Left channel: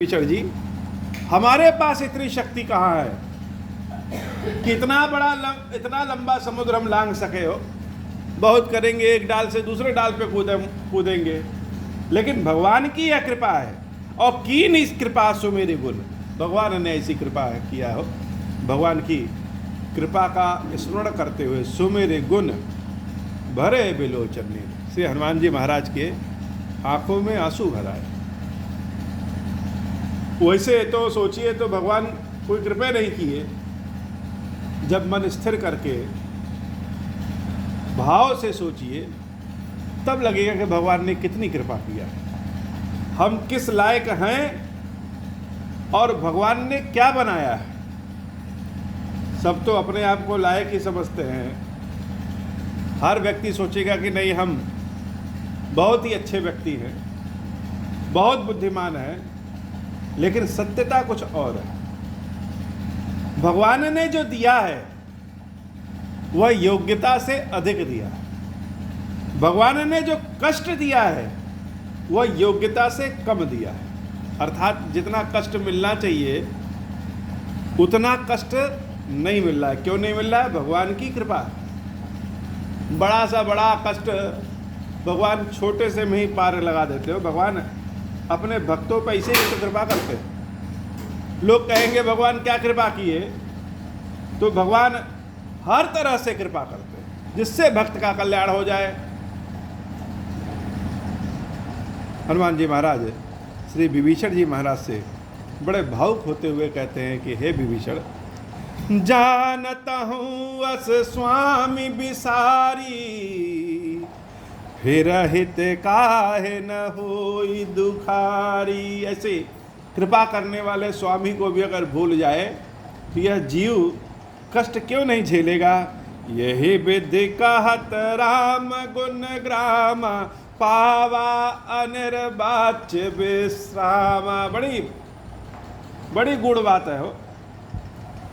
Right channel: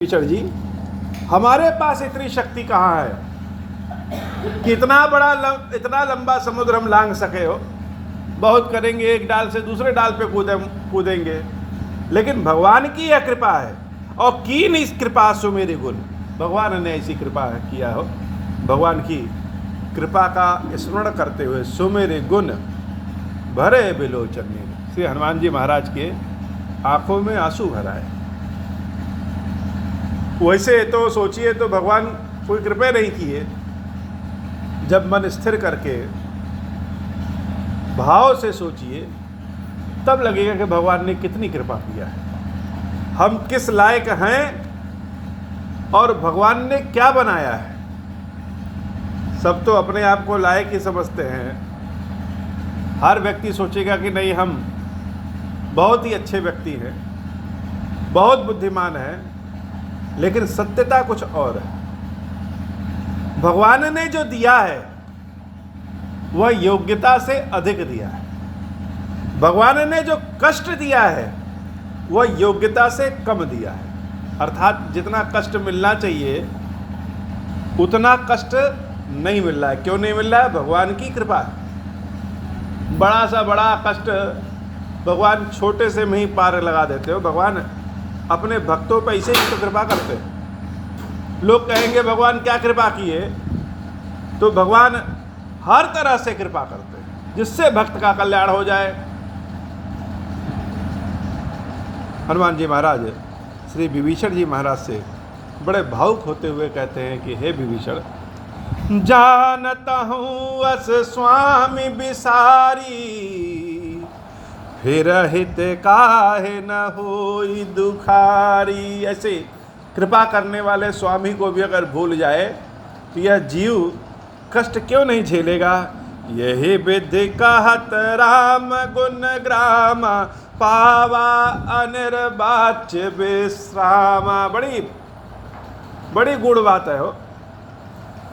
Teacher जी, हमारे पास इतनी शक्ति कहाँ है कि इतना लंबा समुद्र हम लांघ सके हो। बहुत करेंगे, एक डाल से दूसरे डाल पे कूदेंगे, लेकिन भगवान की यह कृपा है। और कीन इस कृपा सो मेरे गुण, भगवान ने ऐसी कृपा किया हो। भगवान की कृपा का स्मरण करते हुए सुमेरे गुण भरे बिलोचन ने, श्री हनुमान जी महाराज के आंखों में आंसू भरा है। वैसे तो सोचिए तो भगवान कोई कृपा नहीं किए। जब मन स्थिर करके भाव से सोचिए तब लगेगा कि भगवान ने कितनी कृपा किया है, हम किस लायक हैं और भगवान ने क्या बनाया है। सब तो अपने आप को लायक ही समझते हैं। हर व्यक्ति सोचेगा कि नहीं, हम बहुत ही अच्छे व्यक्ति हैं, बहुत बुद्धिमान हैं, लेकिन सत्यता कुछ और है। भगवान ने जो दिया है वह योग्यता से अधिक दिया है। भगवान ने जो कष्ट दिया है वह योग्यता से कम दिया है। अर्थात जितना कष्ट मिलना चाहिए उतना कष्ट नहीं मिल रहा है। क्यों नहीं मिल रहा है? भगवान की कृपा है। बड़ा सा बड़ा कष्ट भगवान छोटे से में ही पार लगा देते हो। भगवान अपने भक्तों पर ऐसे ही तो कृपा करते हैं। लोग कहेंगे भगवान क्या कृपा किए, तो भगवान हर तरह से कृपा करते हैं जिससे भक्त का कल्याण हो जाए। हनुमान जी महाराज श्री विभीषण जी महाराज से बड़े भावुक होते हुए कहते हैं कि हे विभीषण, जानता हूँ अस स्वामी बिसारी, फिर हित काहे न होई दुखारी। ऐसे कृपा करने वाले स्वामी को भी अगर भूल जाए तो यह जीव कष्ट क्यों नहीं झेलेगा। यही विधि कहत राम गुण ग्राम, पावा अनिर्वाच्य विश्रामा। बड़ी बड़ी गुण बात है हो,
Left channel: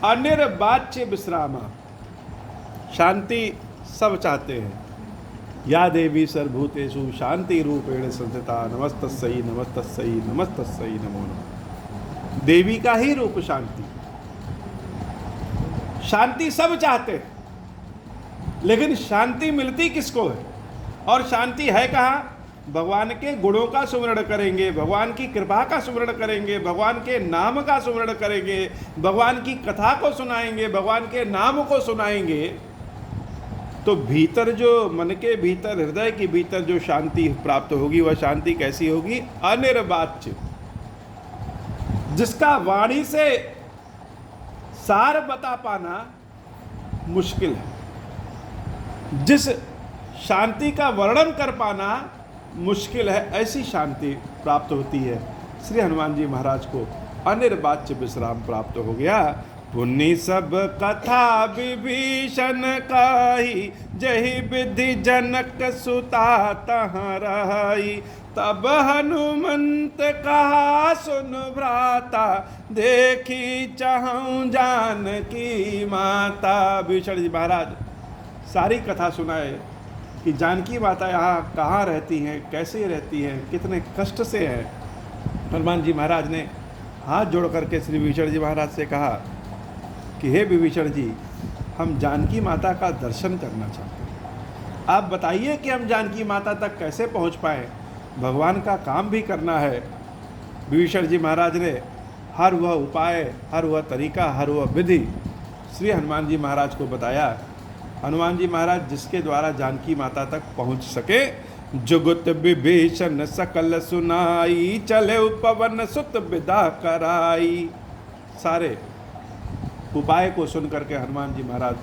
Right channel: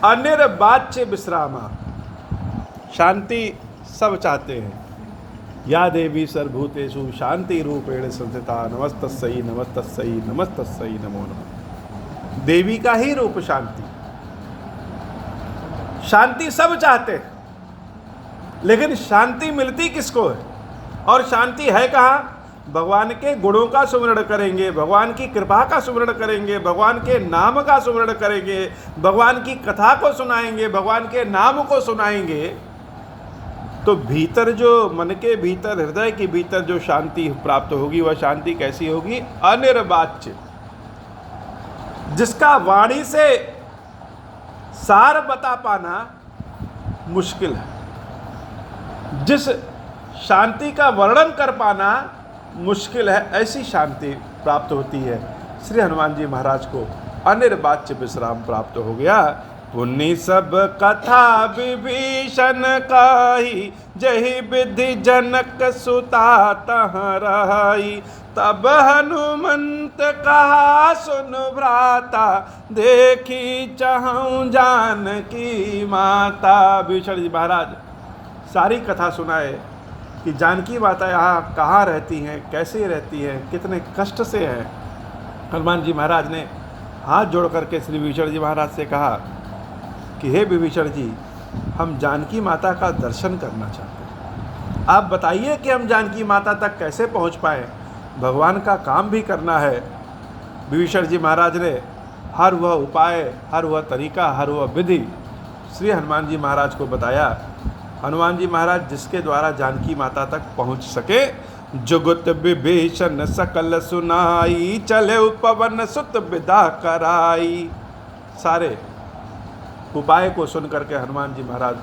अनिर्वाच्य विश्रामा। शांति सब चाहते हैं। या देवी सर्वभूतेषु शांति रूपेण संस्थिता, नमस्तस्यै नमस्तस्यै नमस्तस्यै नमो नमः। देवी का ही रूप शांति। शांति सब चाहते हैं, लेकिन शांति मिलती किसको है और शांति है कहाँ? भगवान के गुणों का सुमरण करेंगे, भगवान की कृपा का सुमरण करेंगे, भगवान के नाम का सुमरण करेंगे, भगवान की कथा को सुनाएंगे, भगवान के नाम को सुनाएंगे, तो भीतर जो मन के भीतर, हृदय के भीतर जो शांति प्राप्त होगी वह शांति कैसी होगी? अनिर्वाच्य, जिसका वाणी से सार बता पाना मुश्किल है, जिस शांति का वर्णन कर पाना मुश्किल है, ऐसी शांति प्राप्त होती है। श्री हनुमान जी महाराज को अनिर्वाच्य विश्राम प्राप्त हो गया। पुण्य सब कथा विभीषण काही, जही विधि जनक सुता तहाँ रहाई। तब हनुमंत कहा सुन भ्राता, देखी चाहूं जानकी माता। विभीषण जी महाराज सारी कथा सुनाए कि जानकी माता यहाँ कहाँ रहती हैं, कैसे रहती हैं, कितने कष्ट से हैं। हनुमान जी महाराज ने हाथ जोड़ करके श्री विभीषण जी महाराज से कहा कि हे विभीषण जी, हम जानकी माता का दर्शन करना चाहते हैं। आप बताइए कि हम जानकी माता तक कैसे पहुंच पाएँ। भगवान का काम भी करना है। विभीषण जी महाराज ने हर वह उपाय, हर वह तरीका, हर वह विधि श्री हनुमान जी महाराज को बताया। हनुमान जी महाराज जिसके द्वारा जानकी माता तक पहुंच सके। जुगुत विभीषण सकल सुनाई, चले पवन सुत विदा कराई। सारे उपाय को सुन करके हनुमान जी महाराज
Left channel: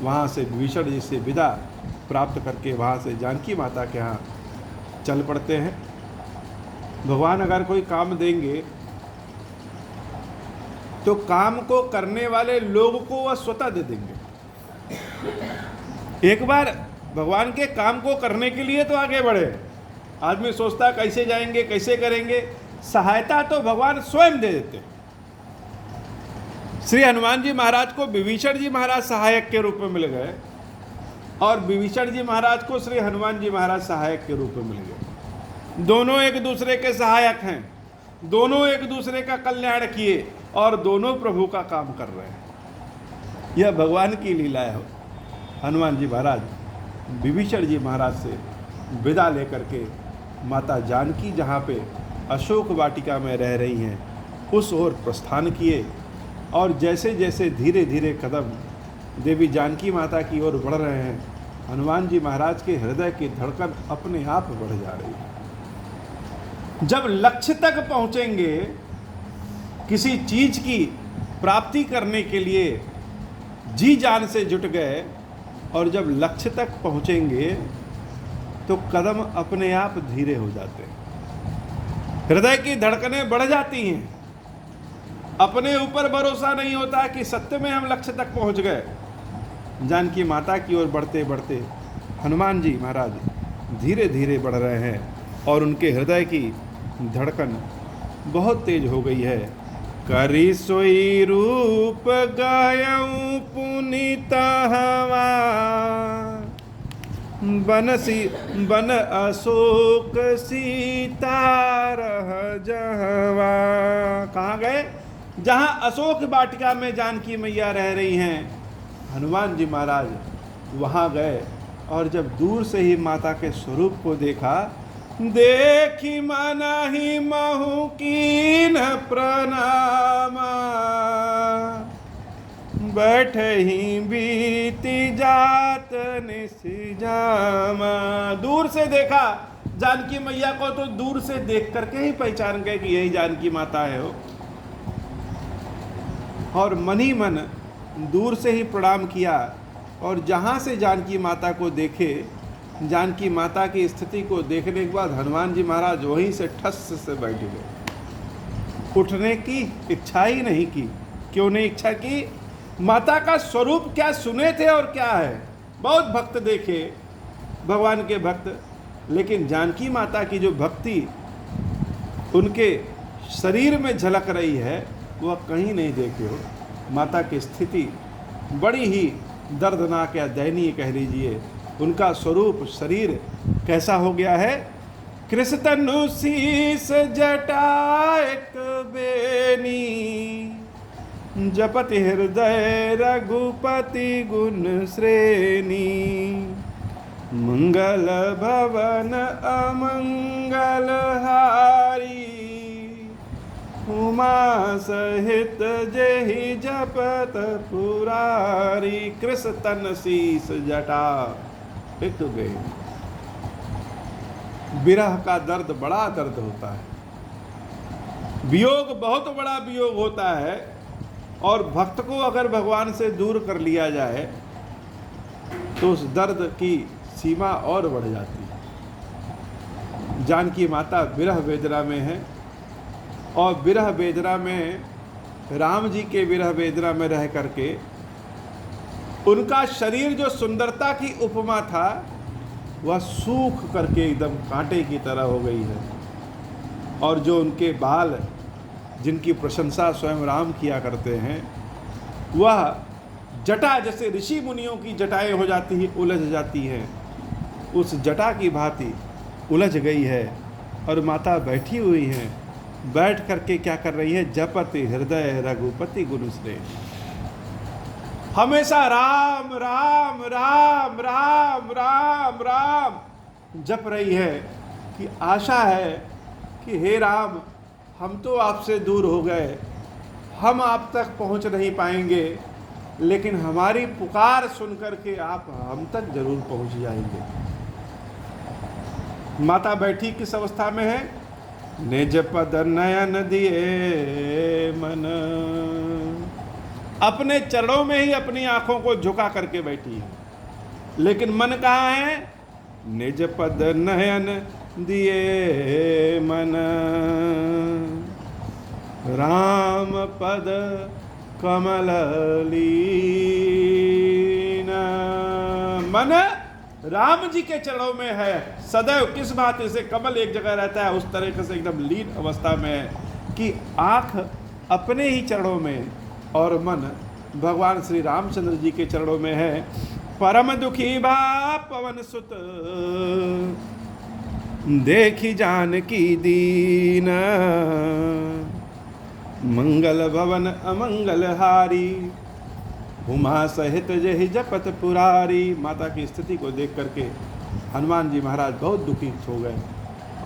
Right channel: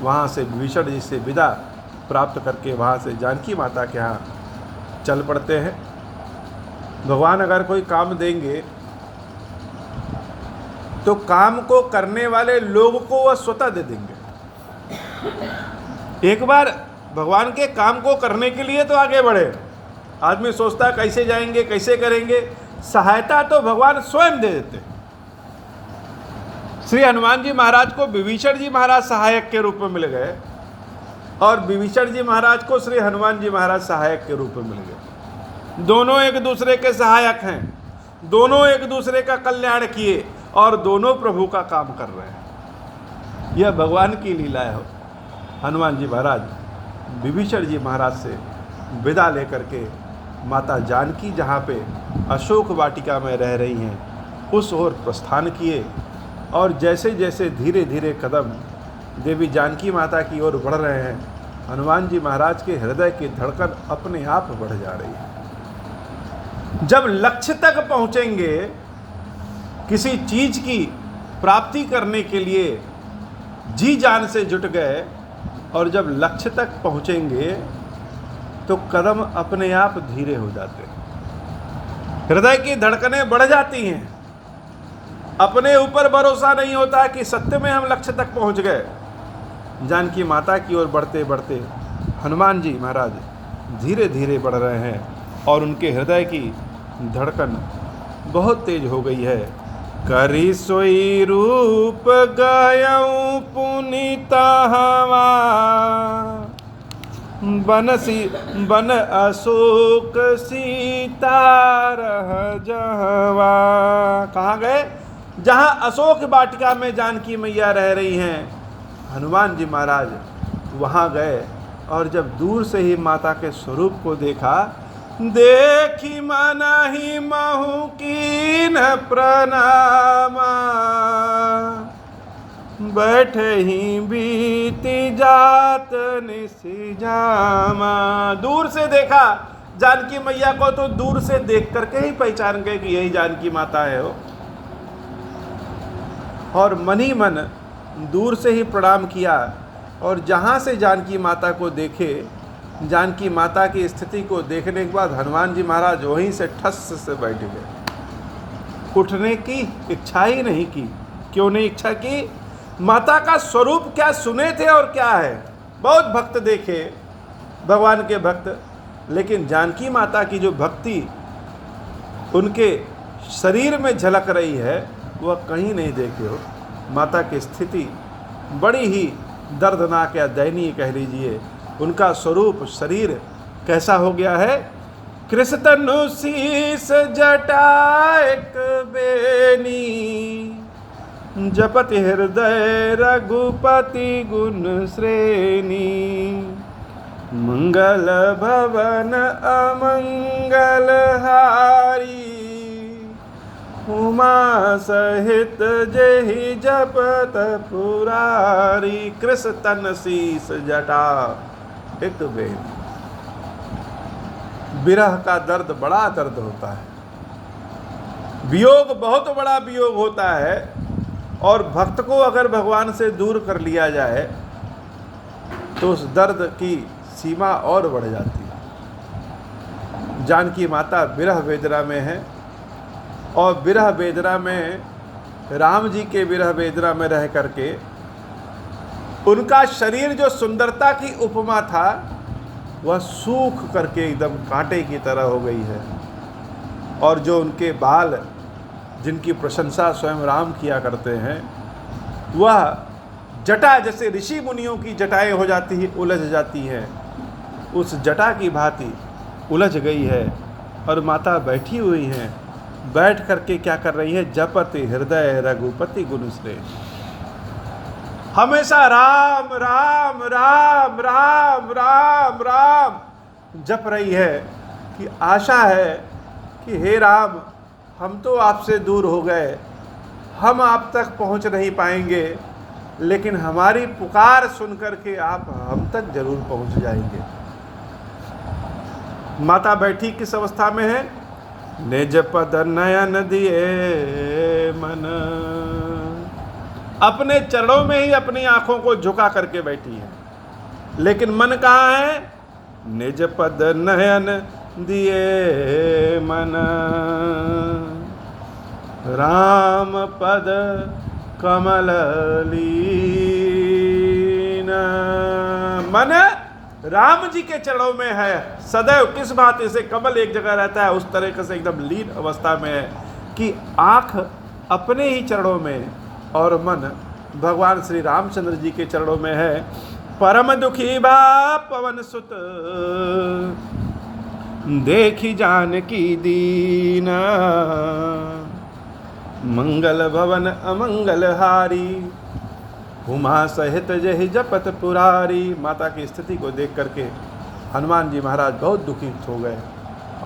वहाँ से विभीषण जी से विदा प्राप्त करके वहाँ से जानकी माता के यहाँ चल पड़ते हैं। भगवान अगर कोई काम देंगे तो काम को करने वाले लोग को वह स्वतः दे देंगे। एक बार भगवान के काम को करने के लिए तो आगे बढ़े। आदमी सोचता कैसे जाएंगे, कैसे करेंगे, सहायता तो भगवान स्वयं दे देते। श्री हनुमान जी महाराज को विभीषण जी महाराज सहायक के रूप में मिल गए और विभीषण जी महाराज को श्री हनुमान जी महाराज सहायक के रूप में मिल गए। दोनों एक दूसरे के सहायक हैं। दोनों एक दूसरे का कल्याण किए और दोनों प्रभु का काम कर रहे हैं। यह भगवान की लीला है। हनुमान जी महाराज विभीषण जी महाराज से विदा लेकर के माता जानकी जहाँ पे अशोक वाटिका में रह रही हैं उस ओर प्रस्थान किए, और जैसे जैसे धीरे धीरे कदम देवी जानकी माता की ओर बढ़ रहे हैं, हनुमान जी महाराज के हृदय की धड़कन अपने आप बढ़ जा रही है। जब लक्ष्य तक पहुँचेंगे, किसी चीज की प्राप्ति करने के लिए जी जान से जुट गए, और जब लक्ष्य तक पहुँचेंगे तो कदम अपने आप धीरे हो जाते हैं, हृदय की धड़कनें बढ़ जाती हैं। अपने ऊपर भरोसा नहीं होता कि सत्य में हम लक्ष्य तक पहुंच गए। जानकी माता की ओर बढ़ते बढ़ते हनुमान जी महाराज धीरे धीरे बढ़ रहे हैं, और उनके हृदय की धड़कन बहुत तेज हो गई है। करी सोई रूप गायऊं पुनीता हवा, बन अशोक सीता रह जहवा। कहाँ गए? जहाँ अशोक वाटिका में जानकी मैया रह रही हैं, हनुमान जी महाराज वहाँ गए, और जब दूर से ही माता के स्वरूप को देखा, देखी मन ही महु कीन प्रणामा, बैठे ही बीती जात निसिजामा। दूर से देखा जानकी मैया को तो दूर से देख करके ही पहचान गए कि यही जानकी माता है हो, और मन ही मन दूर से ही प्रणाम किया। और जहाँ से जानकी माता को देखे, जानकी माता की स्थिति को देखने के बाद हनुमान जी महाराज वहीं से ठस से बैठ गए, उठने की इच्छा ही नहीं की। क्यों नहीं इच्छा की? माता का स्वरूप क्या सुने थे और क्या है। बहुत भक्त देखे, भगवान के भक्त, लेकिन जानकी माता की जो भक्ति उनके शरीर में झलक रही है वह कहीं नहीं देखे हो। माता की स्थिति बड़ी ही दर्दनाक या दयनीय कह लीजिए। उनका स्वरूप शरीर कैसा हो गया है? कृष्ण शीस जटाएक बेनी, जपति हृदय रघुपति गुण श्रेणी, मंगल भवन अमंगल हारी, उमा सहित जेहि जपत पुरारी। कृष्ण शीस जटा एक बेन। विरह का दर्द बड़ा दर्द होता है, वियोग बहुत बड़ा वियोग होता है, और भक्त को अगर भगवान से दूर कर लिया जाए तो उस दर्द की सीमा और बढ़ जाती है। जानकी माता विरह वेदना में है, और विरह वेदना में राम जी के विरह वेदना में रह करके उनका शरीर जो सुंदरता की उपमा था वह सूख करके एकदम कांटे की तरह हो गई है, और जो उनके बाल जिनकी प्रशंसा स्वयं राम किया करते हैं वह जटा जैसे ऋषि मुनियों की जटाएं हो जाती है, उलझ जाती हैं, उस जटा की भांति उलझ गई है। और माता बैठी हुई हैं, बैठ करके क्या कर रही है? जपति हृदय रघुपति गुण श्रेणी। हमेशा राम राम राम राम राम राम जप रही है, कि आशा है कि हे राम, हम तो आपसे दूर हो गए, हम आप तक पहुंच नहीं पाएंगे, लेकिन हमारी पुकार सुनकर के आप हम तक जरूर पहुंच जाएंगे। माता बैठी किस अवस्था में है? निज पद नयन दिए मन, अपने चरणों में ही अपनी आंखों को झुका करके बैठी है, लेकिन मन कहाँ है? निज पद नयन दिए मन, राम पद कमल लीन। मन राम जी के चरणों में है सदैव। किस बात से कमल एक जगह रहता है, उस तरह से एकदम लीन अवस्था में है कि आँख अपने ही चरणों में और मन भगवान श्री रामचंद्र जी के चरणों में है। परम दुखी बा पवन सुत, देखी जानकी दीन, मंगल भवन अमंगल हारी, उमा सहित जहि जपत पुरारी। माता की स्थिति को देख करके हनुमान जी महाराज बहुत दुखित हो गए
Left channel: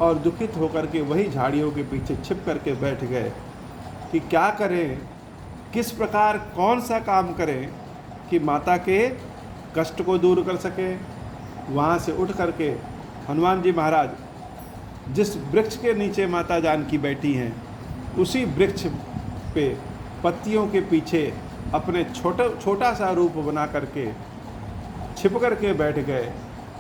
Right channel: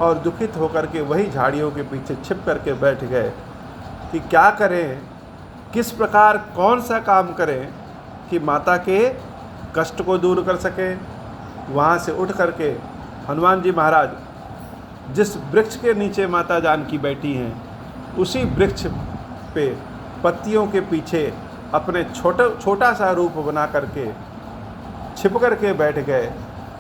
और दुखित होकर के वही झाड़ियों के पीछे छिप करके बैठ गए कि क्या करें, किस प्रकार कौन सा काम करें कि माता के कष्ट को दूर कर सकें। वहाँ से उठ करके हनुमान जी महाराज जिस वृक्ष के नीचे माता जानकी बैठी हैं उसी वृक्ष पे पत्तियों के पीछे अपने छोटा सा रूप बना करके छिप करके बैठ गए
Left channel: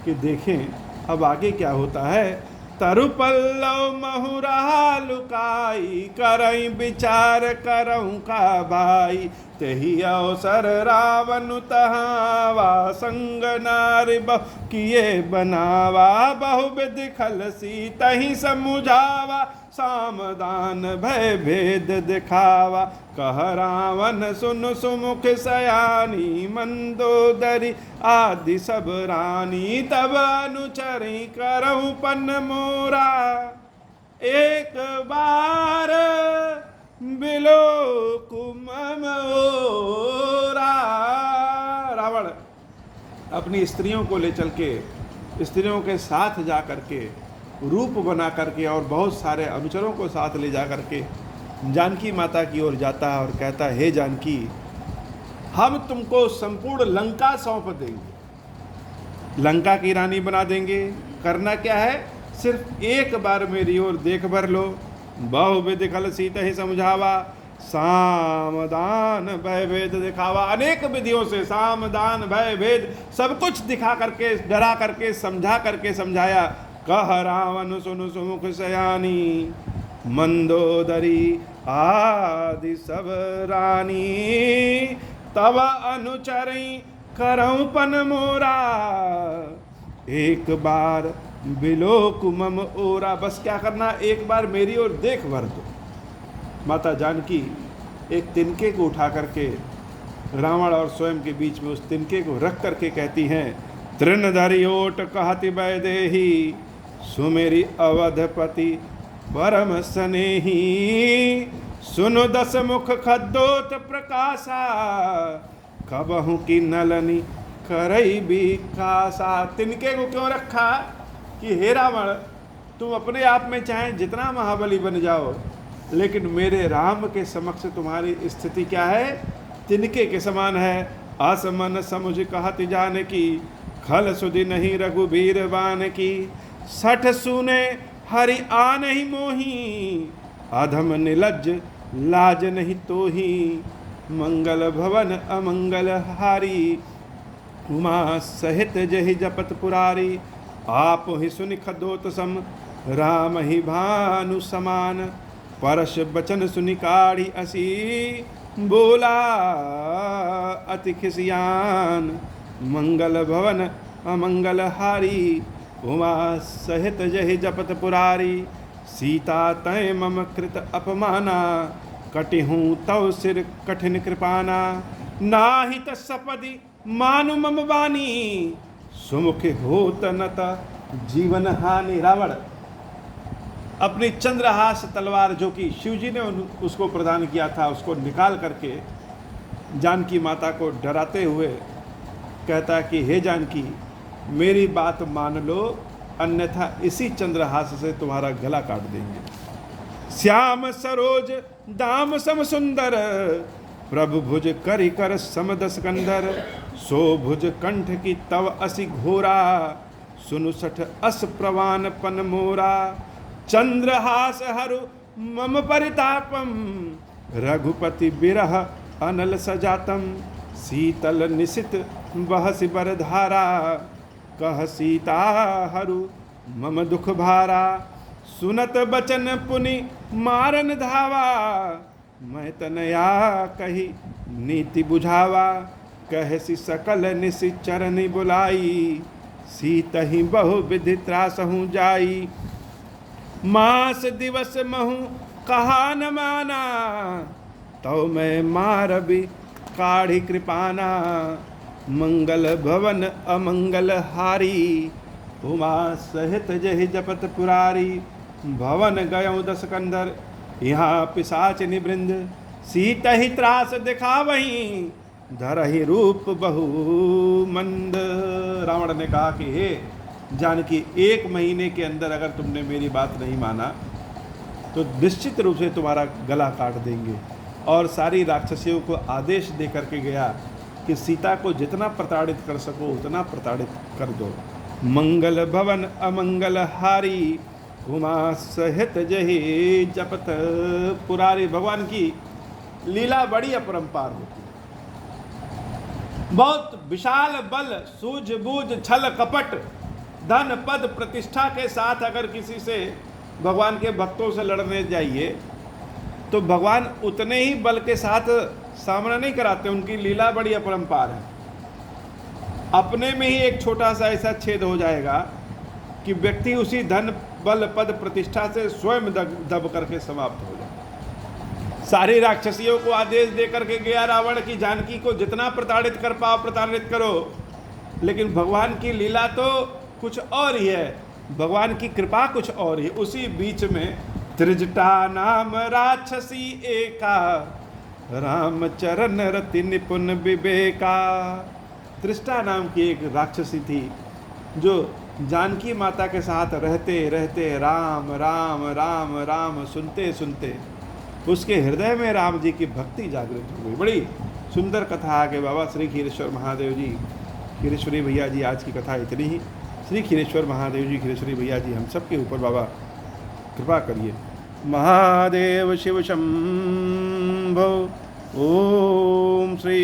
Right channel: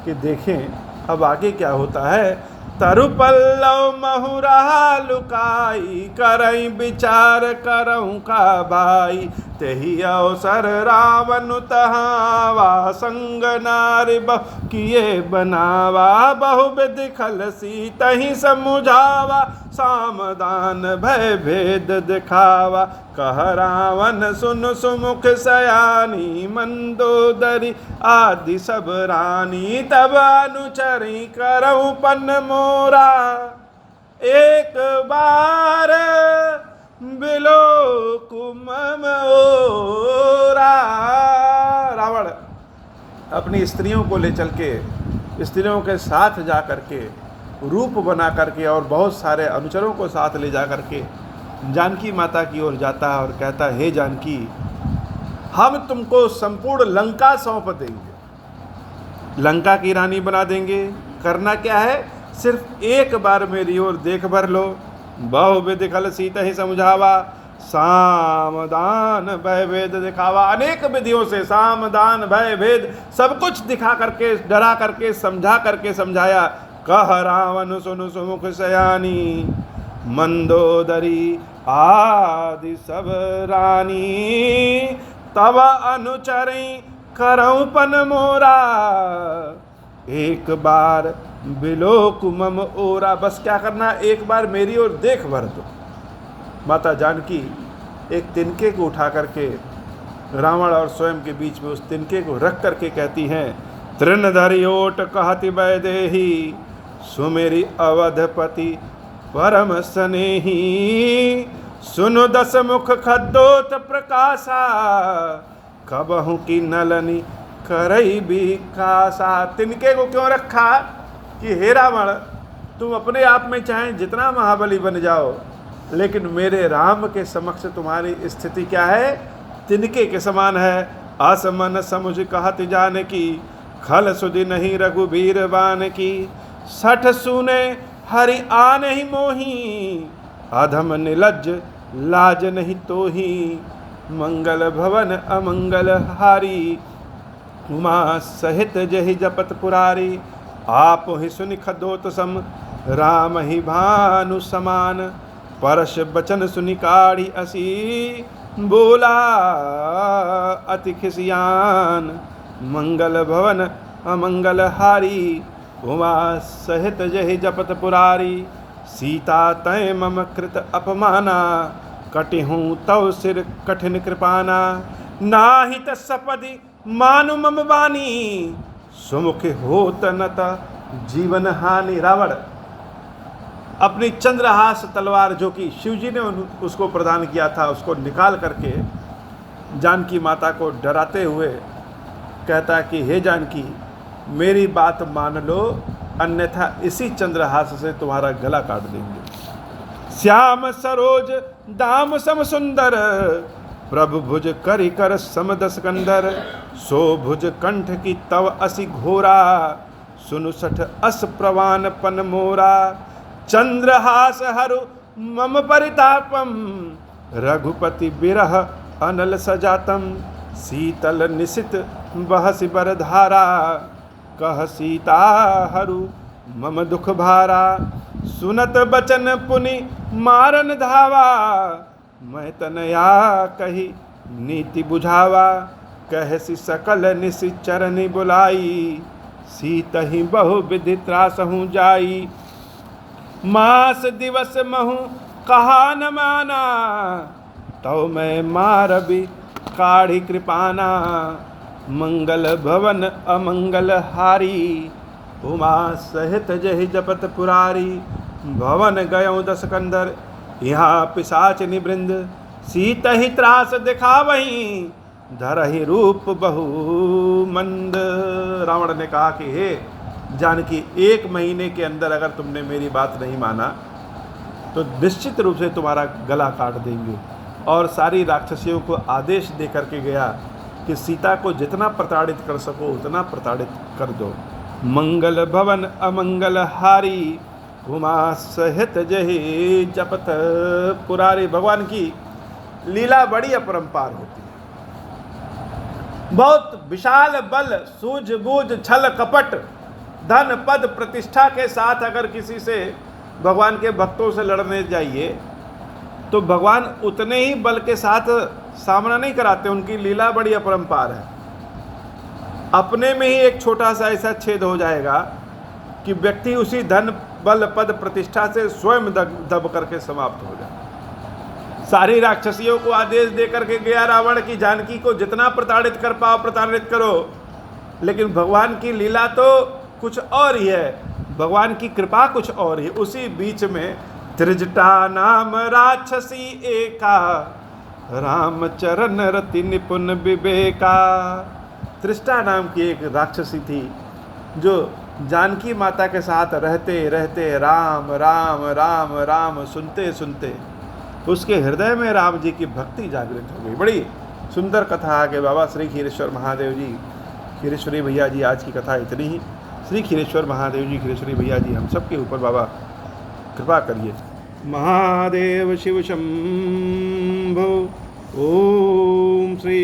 कि देखें अब आगे क्या होता है। तरु पल्लव महुरा लुकाई, करई विचार करऊँ का भाई, तेहि अवसर रावण तहावा, संग नारि बहु किए बनावा, बहुविधि खलसी तहि समुझावा, सामदान भय भेद दिखावा, कह रावण सुन सुमुख सयानी, मंदोदरी आदि सब रानी, तब अनुचरी करऊँ पन मोरा, एक बार बिलो कुमम ओरा। रावण अपनी स्त्रियों को ले चल के, स्त्रियों के साथ जा करके रूप बना करके और बहुत सारे अनुचरों को साथ ले जा करके जानकी माता की ओर जाता है और कहता है, हे जानकी, हम तुमको संपूर्ण लंका सौंप देंगे, लंका की रानी बना देंगे। करना क्या है, सिर्फ एक बार मेरी ओर देख भर लो। बहुविधि खलसी तहि समझावा, सामदान भय भेद दिखावा। अनेक विधियों से साम दान भय भेद सब कुछ दिखा करके, डरा करके, समझा करके समझाया। कह रावण सुनु सुमुख सयानी, मंदोदरी आदि सब रानी, तब अनुचरी करऊँ पन मोरा, एक बार बिलोक मम ओरा। बस क्या करना, एक बार मेरी ओर देख भर दो। माता जानकी एक तिनके को उठा करके रावण और स्वयं के बीच में उस तिनके को रख करके कहती हैं, तृणधरि ओट कहति वैदेही, सुमेरी अवधपति परम स्नेही, सुनो दस मुख खद्दोत प्रकाशा, कबहु की नलनी करई विकासा। तिनके को क्यों रखा कि हे रावण, तुम अपने आप में चाहे जितना महाबली बन जाओ, लेकिन मेरे राम के समक्ष तुम्हारी स्थिति क्या है, तिनके के समान है। असमन समुझ कहत जानकी, खल सुधि नहीं रघुबीर बान की, सठ सुने हरि आन ही मोही, अधम निलज्ज लाज नहीं तोही, मंगल भवन अमंगल हारी, उमा सहित जहि जपत पुरारी, आप ही सुनि खदोत सम, राम ही भानु समान, परश बचन सुनि काढ़ी असी, बोला अति खिसियान, मंगल भवन अमंगल हारी, उमा सहित जहि जपत पुरारी, सीता तय मम कृत अपमाना, कटिहूँ तव सिर कठिन कृपाना, नाहित सपदि मानु मम बानी, सुमुख होत नता जीवन हानि। रावण अपनी चंद्रहास तलवार जो कि शिवजी ने उसको प्रदान किया था, उसको निकाल करके जानकी माता को डराते हुए कहता कि हे जानकी, मेरी बात मान लो, अन्यथा इसी चंद्रहास से तुम्हारा गला काट देंगे। श्याम सरोज दाम सम सुंदर, प्रभु भुज करि कर समदस कंधर, सो भुज कंठ की तव असि घोरा, सुनु सठ अस प्रवान पन मोरा, चंद्रहास हरु मम परितापम, रघुपति बिरह अनल सजातम, शीतल निशित बहसि बरधारा, कह सीता हरु मम दुख भारा, सुनत बचन पुनि मारन धावा, मैं तनया कही नीति बुझावा, कहसी सकल निशि चरनि बुलाई, सीतहि बहु विधि त्रासहु जाई, मास दिवस महु कहा न माना, तो मैं मारबी काढ़ी कृपाना, मंगल भवन अमंगल हारी, उमा सहित जहि जपत पुरारी, भवन गयो दस कंदर, यहाँ पिशाच निवृंद, सीता ही त्रास दिखा वहीं, धरहि रूप बहु मंद। रावण ने कहा कि हे जानकी, 1 महीने के अंदर अगर तुमने मेरी बात नहीं माना तो निश्चित रूप से तुम्हारा गला काट देंगे। और सारी राक्षसियों को आदेश दे करके गया कि सीता को जितना प्रताड़ित कर सको उतना प्रताड़ित कर दो। मंगल भवन अमंगल हारी, उमा सहित जहि जपत पुरारी। भगवान की लीला बड़ी अपरंपार होती है। बहुत विशाल बल, सूझबूझ, छल कपट, धन पद प्रतिष्ठा के साथ अगर किसी से भगवान के भक्तों से लड़ने जाइए तो भगवान उतने ही बल के साथ सामना नहीं कराते। उनकी लीला बड़ी अपरंपार है। अपने में ही एक छोटा सा ऐसा छेद हो जाएगा कि व्यक्ति उसी धन बल पद प्रतिष्ठा से स्वयं दब करके समाप्त हो जाए। सारी राक्षसियों को आदेश दे करके गया रावण की जानकी को जितना प्रताड़ित कर पाओ प्रताड़ित करो, लेकिन भगवान की लीला तो कुछ और ही है, भगवान की कृपा कुछ और ही। उसी बीच में त्रिजटा नाम राक्षसी एका, राम चरण रति निपुण विवेका। त्रिष्टा नाम की एक राक्षसी थी जो जानकी माता के साथ रहते रहते राम राम राम राम सुनते सुनते उसके हृदय में राम जी की भक्ति जागृत हो गई। बड़ी सुंदर कथा आगे बाबा श्री खीरेश्वर महादेव जी, खीरेश्वरी भैया जी, आज की कथा इतनी ही। श्री खीरेश्वर महादेव जी, खीरेश्वरी भैया जी हम सब के ऊपर बाबा कृपा करिए। महादेव शिव शंभो। ओम श्री